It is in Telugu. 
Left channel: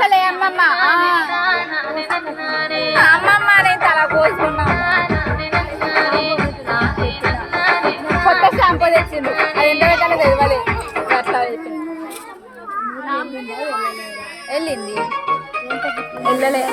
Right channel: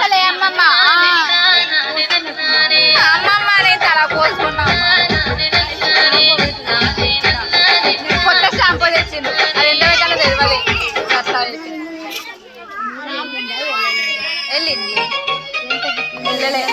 అసలే అమ్మమ్మ అమ్మమ్మ నేను తల కోసుకున్నాం కొత్త షాంపూ తెచ్చిండు అది ఎంత పెట్టాలో తెలియదు అట్లా వెళ్ళింది వెళ్ళలే